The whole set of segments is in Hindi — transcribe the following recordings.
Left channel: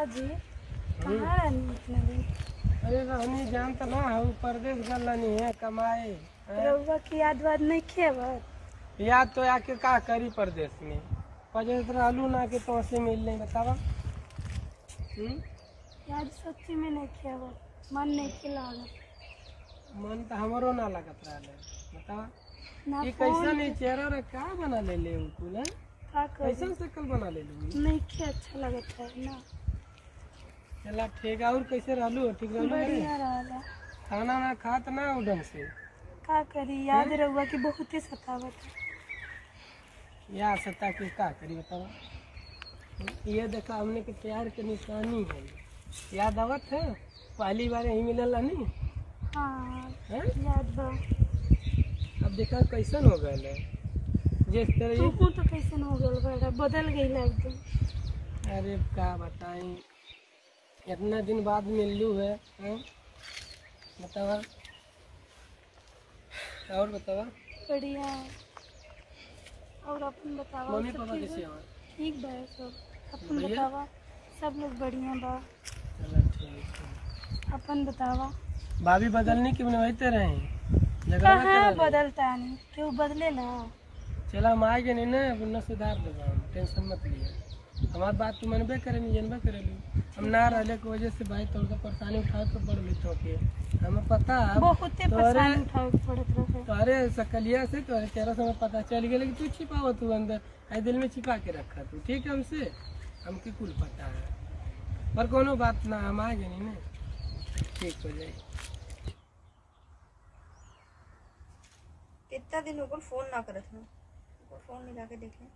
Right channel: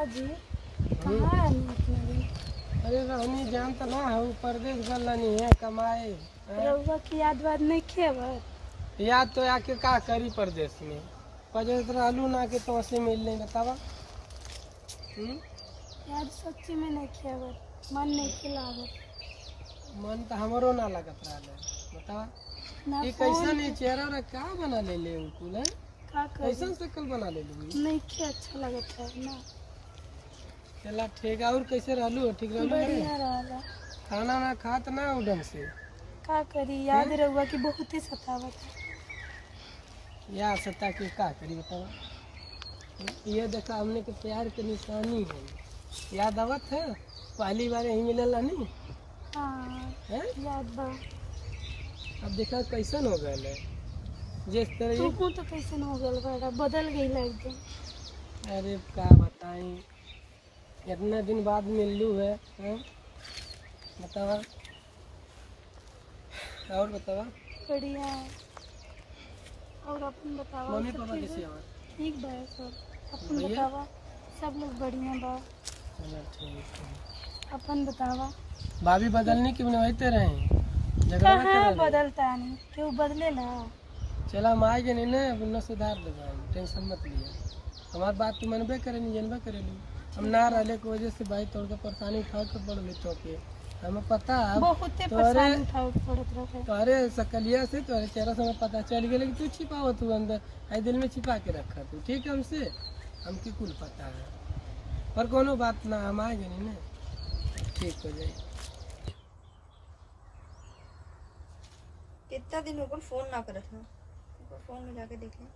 हाँ जी, कहाँ रहनी इतने दिन? अरे रहनी जानता ना है, परदेश गलनी है कमाए। रउआ की याद वाद नहीं खेबत? याद तो आके का करी परदेश में, परदेश रहलू ना के तो से मिल नहीं बतावा। याद सच्ची में नहीं खेबत, मन नहीं खिलावत। मन तो हमारो ना लगत रहा बतावा। ना ये कैसा नहीं चेहरा रे क्या बना ले ले उनको ले, का कैसा करी? शक्ल बना ले लू। नहीं खे अच्छा लगत है ना। चला ठीक है। और कैसे रहलू? ठीक रहलू? बढ़िया रहला। खाना ना खात ना उ ढंग से। का करी, याद रउआ की बहुत ही सतावत है। या सत्ता की का करी बतावा। ये देखा हमने के प्यार के निशानी है, याद आवत है? पहली बार यही मिलल नहीं हाँ है? याद बा। अब देखा कैसन हो गए है? जिस तरह तू तो कैसे हो गल बड़ा, बदल गई एकदम। अरे का बताई, इतना दिन बाद मिललू है, बतावा। और बतावा। बढ़िया। और अपन बतावा। मम्मी सब पापा ठीक कैसे बा? हैं? ठीक बा सब। अपन बढ़िया? बतावा। सब लोग बढ़िया बा। चलो ठीक है। अपन बतावा। भाभी बदलने की बनवाते रहे, झगड़ा मत कहाँ करो। बदलता नहीं, क्यों बदलेला? चला हम आए नहीं ना, अब न सुधार देगा, हम टेंशन मत लिया। हमारी बात तू मनबे करे नहीं, जनबे करे लू। हम ना रहले की वजह से भाई तोड़ के परेशानी उठाओ के पड़ ले चौके, हमें पता है। बहुत परेशानी उठावे पड़त रहे। तोरे सकलिया से तोरे चेहरा से हमें पता चल गया कि तू छिपाव तू अंदर, आई दिल में छिपा के रखा तू। ठीक है, हमसे हमके कुल पता है, पर कोनो बात ना, हम आ गए नहीं ना, ठीक हो जाए। कितना दिन हो गए फोन ना करत हो, फोन मिला के देख ले।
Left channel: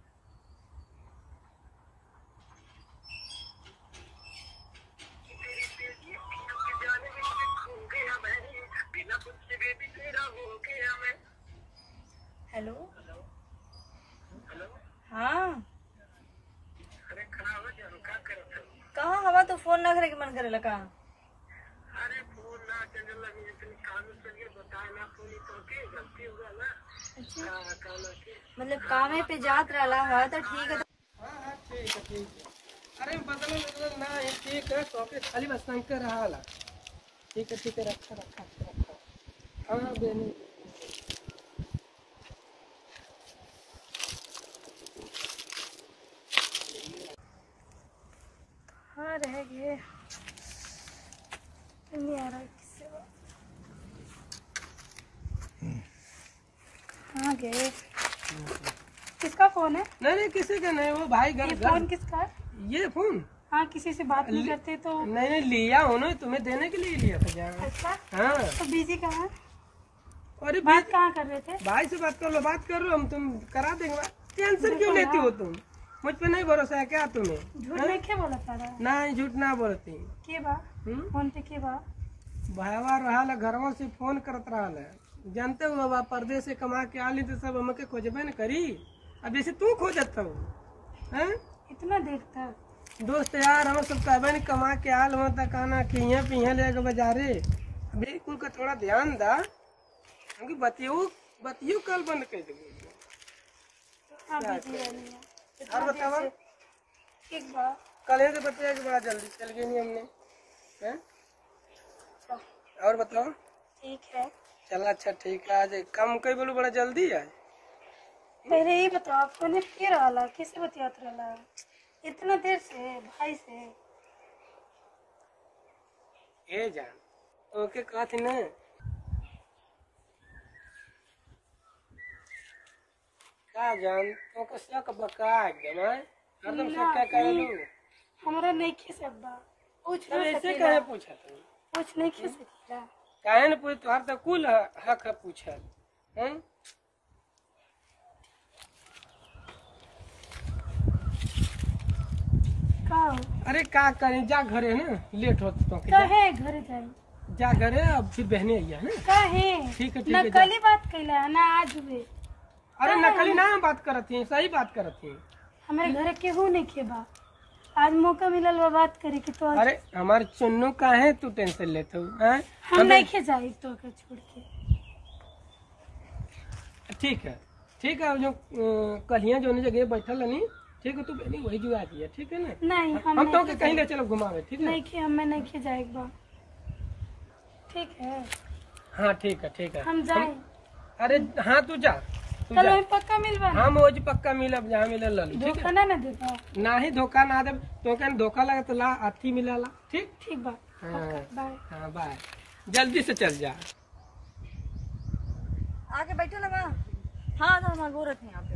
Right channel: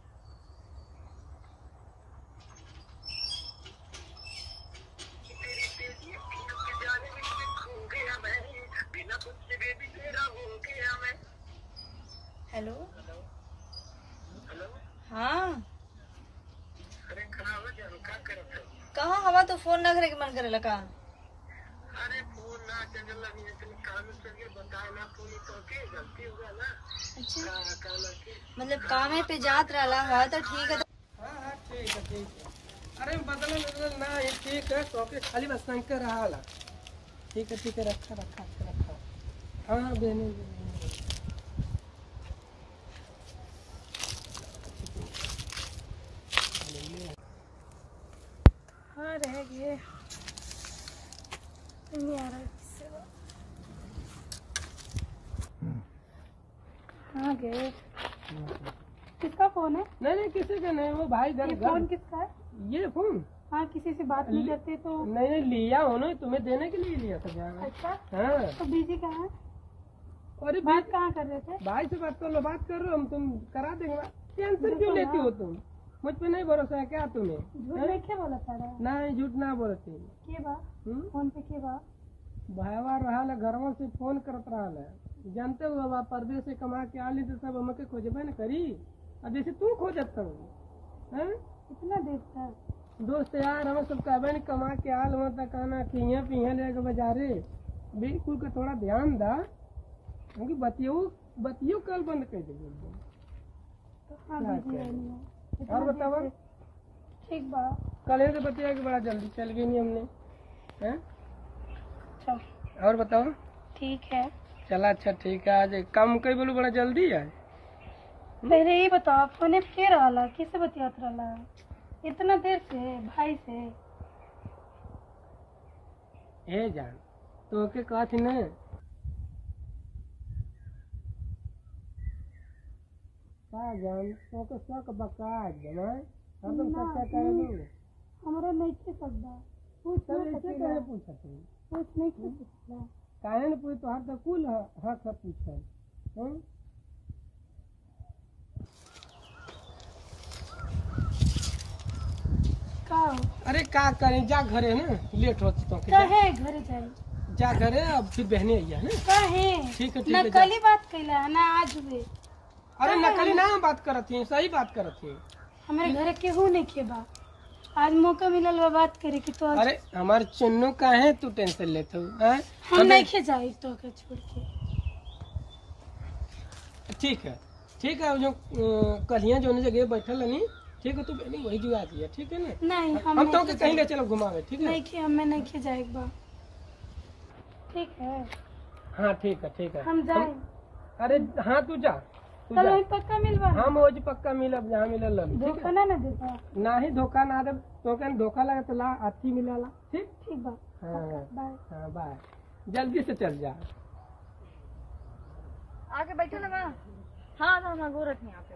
Hello hello. हाँ अरे खराब है जान, का करत हो? कहाँ हवा तो फोन ना करे के मन करे लगा। अरे फोन ना चल लगी इतनी काम चल गई, बताए ना फोन तो के गलती हो गया ना। अच्छा काला के मतलब कामे पे जात रहला है तो ठीक है। हाँ हाँ ठीक है ठीक है। अरे बदल ना, ये ठीक है, टॉके खाली बस शंकर रहा। ठीक है ठीक है, रखा रखा रखा। हाँ बेनी हाँ रह गए, नहीं आ रहा किससे बात। कहाँ गए? किसका फोन है? नहीं नहीं किसी का नहीं, वो भाई घर ये घर। फोन किसका है? ये फोन हाँ किसी से बात नहीं करते तो। नहीं नहीं लिया हो ना, तुम्हें देने के लिए लिया था जाना। अच्छा हाँ तो बिजी कहाँ है? अरे बात कहाँ कर रहे थे? भाई से बात कर लो, बात कर लो, हम तुम करा देंगे बात। टेंशन क्यों लेती हो तुम? मुझ पे नहीं भरोसा है क्या तुम्हें? झूठ नहीं क्या बोला था? नहीं झूठ ना बोलती। के बा फोन पे के बा? भाईवा रहा घरवा से फोन करत रहा है, जानते हो अब परदेश से कमा के आली तो सब हमके खोजबे न करी। अब जैसे तू खोजत हो हैं, इतना देर तक? दोस्त यार हम सब कहबे न कमा के आल हो तो कहना कि यहाँ पे यहाँ ले बाजारे। अभी कुल का थोड़ा ध्यान दा, क्योंकि बतियो कल बंद कर देंगे। हाँ बिजी रहनी है। इतना और बतावा। देर से? ठीक बा। कल से बतिया के बड़ा जल्दी चल गई नहीं हमने, हैं? अच्छा और बताओ। ठीक है। चला अच्छा ठीक है, आज काम कई बोलू बड़ा जल्दी है। पहले ये बताओ फोन पे के रहला, कैसे बतियात रहला इतना देर से भाई से? ए जान तो के कहा थी ना, क्या जान तो के शक बका एकदम है, हरदम शक क्या कर लू। हमरा नहीं खी सकबा, पूछ तो ना ऐसे सकेला। कहे पूछा तुम? पूछ नहीं खी सकेला। काहे न पूछ, तोहर तो कुल हक है पूछल, हैं? का अरे का करें, जा घरे ना, लेट होता तो के काहे घर जाई? जा घरे, अब फिर बहने आइया ना। काहे? ठीक है ना जा। कल ही बात कैला ना आज हुए। अरे नकली ना बात करत ही, सही बात करत ही। हमारे घर केहू नहीं खेबा, आज मौका मिलल बा बात करे की तो। अरे हमारे चुन्नू काहे तू टेंशन लेते हो, हैं? हम नहीं खे जाई तो के छोड़ के। ठीक है जो कलियां जो जगह बैठल नहीं, ठीक है, तू पहले वही जुआ दिया, ठीक है ना। नहीं हम तो के कहीं ले चलो घुमावे, ठीक है। नहीं कि हमें नहीं खी जाए एक बार, ठीक है। हाँ ठीक है, ठीक है। हम जाए। अरे हाँ तू जा, तू चलो जा। हम पक्का मिलवा। हम रोज पक्का मिलब जहाँ मिले लली, ठीक धोखा है। ना देता। ना ही धोखा ना दे, तो क्या धोखा लगे तो ला अथी मिला ला, ठीक। ठीक बा। हाँ बाय। हाँ बाय, जल्दी से चल जा। आके बैठो ना वहाँ। हाँ तो हम गोरख हैं यहाँ पे।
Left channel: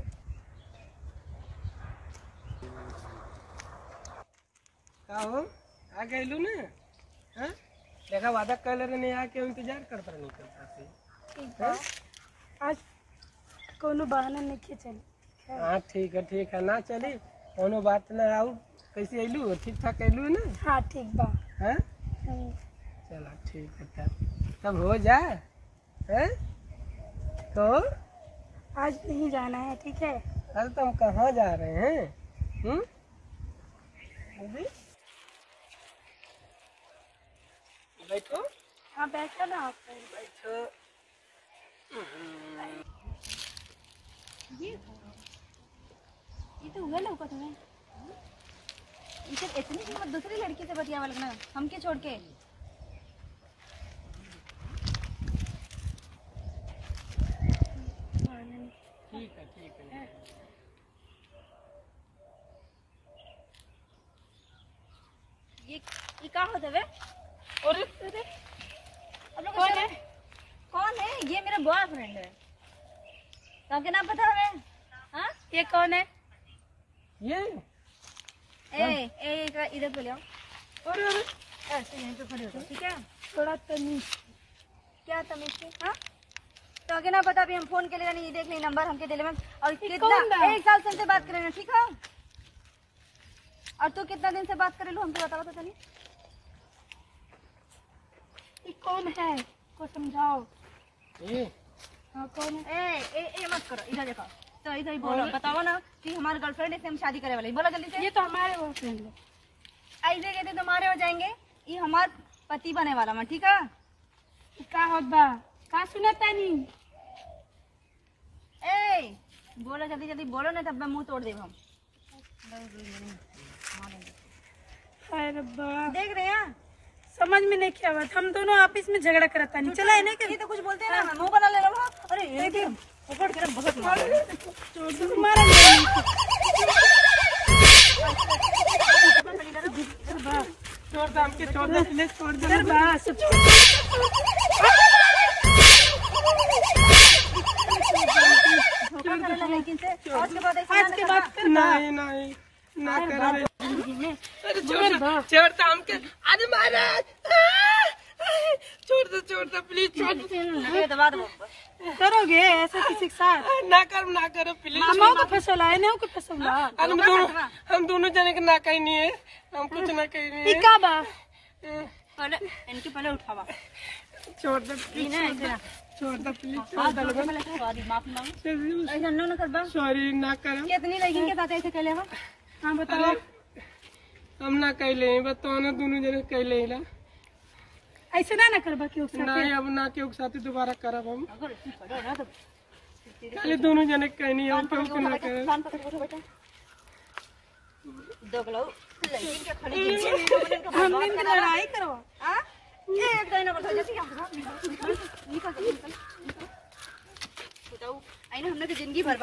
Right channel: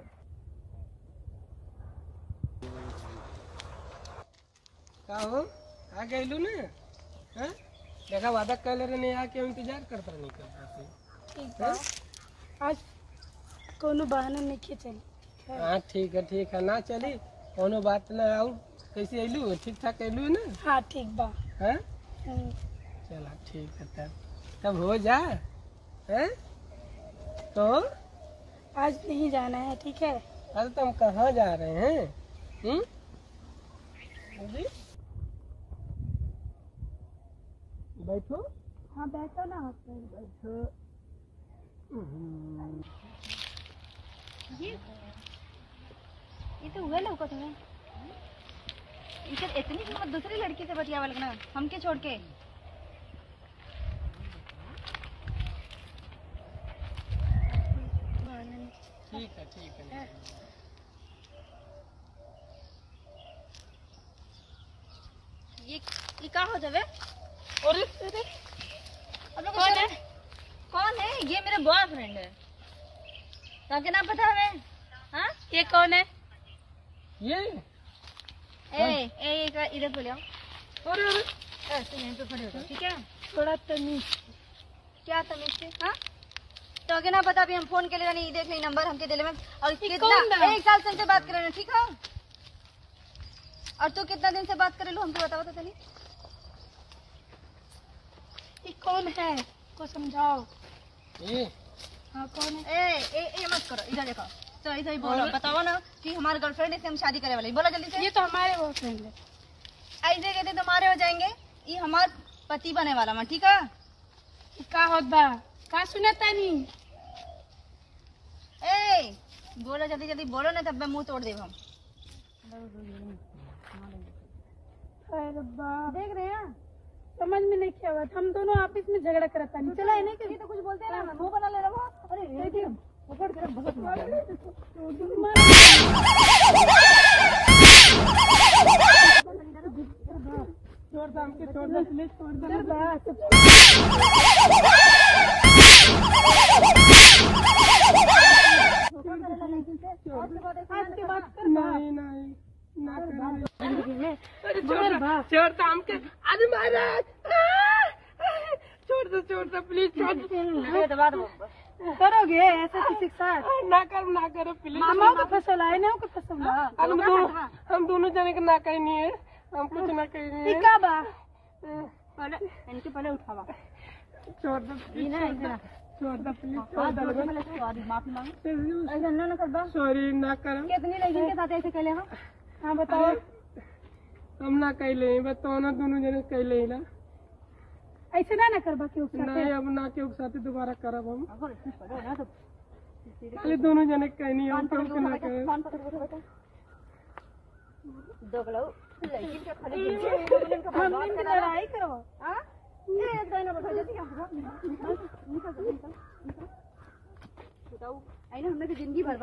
का हो आ गइलू ना? हाँ देखा वादा कर रहे आके इंतजार करता नहीं करता से। ठीक बा। आज कोनो बहाना नहीं के चली। हाँ ठीक है ना चली कोनो बात ना। और कैसे अइलू, ठीक ठाक अइलू ना? हाँ ठीक बा। हाँ चला ठीक है, तब हो जा। हैं तो आज नहीं जाना है, ठीक है। अरे तुम कहाँ जा रहे हैं? बोली? बैठो। हाँ बैठा ना आप। बैठो। ये तो हुआ लौका तुम्हें। इनसे इतनी हिम्मत दूसरी लड़की से बतियावा लगना, हमके छोड़ के। ठीक है। ये का हो जावे? अरे अब लोग कौन है? ये मेरा बॉयफ्रेंड है। ताकि ना पता है? हाँ ये कौन है? ये इधर तो ले आओ। अरे ऐसे यहीं पे खड़े हो जाओ, ठीक है। थोड़ा तमीज। क्या तमीज से? हाँ तो आगे ना पता, अभी हम फोन के लिए नहीं देख ली नंबर हमके दिले में। और कौन बा? कितना 1 साल से हमसे बात करे ना, ठीक है। और तू कितना दिन से बात करे लो हमको बताओ तो चलिए। ये कौन है को समझाओ। ये हाँ कौन है? ए मत करो, इधर देखो। तो इधर ही बोलो, बताओ ना कि हमारे गर्लफ्रेंड है, इससे हम शादी करे वाले। बोलो जल्दी से। ये तो हमारे बॉयफ्रेंड है। ऐसे कहते तुम्हारे हो जाएंगे, ये हमार पति बने वाला मैं, ठीक है। ये का होत बा? का सुनता नहीं? ए बोलो जल्दी जल्दी बोलो ना, तब मैं मुंह तोड़ देब हम। अरे बा, देख रहे हैं समझ में नहीं क्या बात। हम दोनों आपस में झगड़ा करता नहीं। चला है ना ये तो कुछ बोलते हैं ना, मुंह बना ले लो। अरे ये भी पकड़ के बहुत मार। छोड़ दे हमके, छोड़ दे प्लीज, छोड़ दे। इधर बा, आज के बाद नहीं ना कर। अरे छोड़ दे हमके। अरे महाराज छोड़ दे प्लीज, छोड़ दे। करोगे ऐसा किसी के साथ? ना करो प्लीज। मामा को फसला है ना, को फसला। अरे हम दोनों जने के ना कहीं नहीं है, हम कुछ ना कहीं नहीं ये है। का बा? इनके पहले उठावा। छोड़ दे प्लीज, छोड़ दे प्लीज। सॉरी ना कर। कितनी लड़की के साथ ऐसे चले हो? हाँ बताओ। हम ना कैले बताओ ना, दोनों जने कैले ला। ऐसे ना करबा के उससे। नहीं अब ना के साथ दोबारा करब हम। खाली दोनों जने कहीं नहीं, हम क्यों ना करब। हम इनकी लड़ाई करवा। हमने तो जिंदगी भर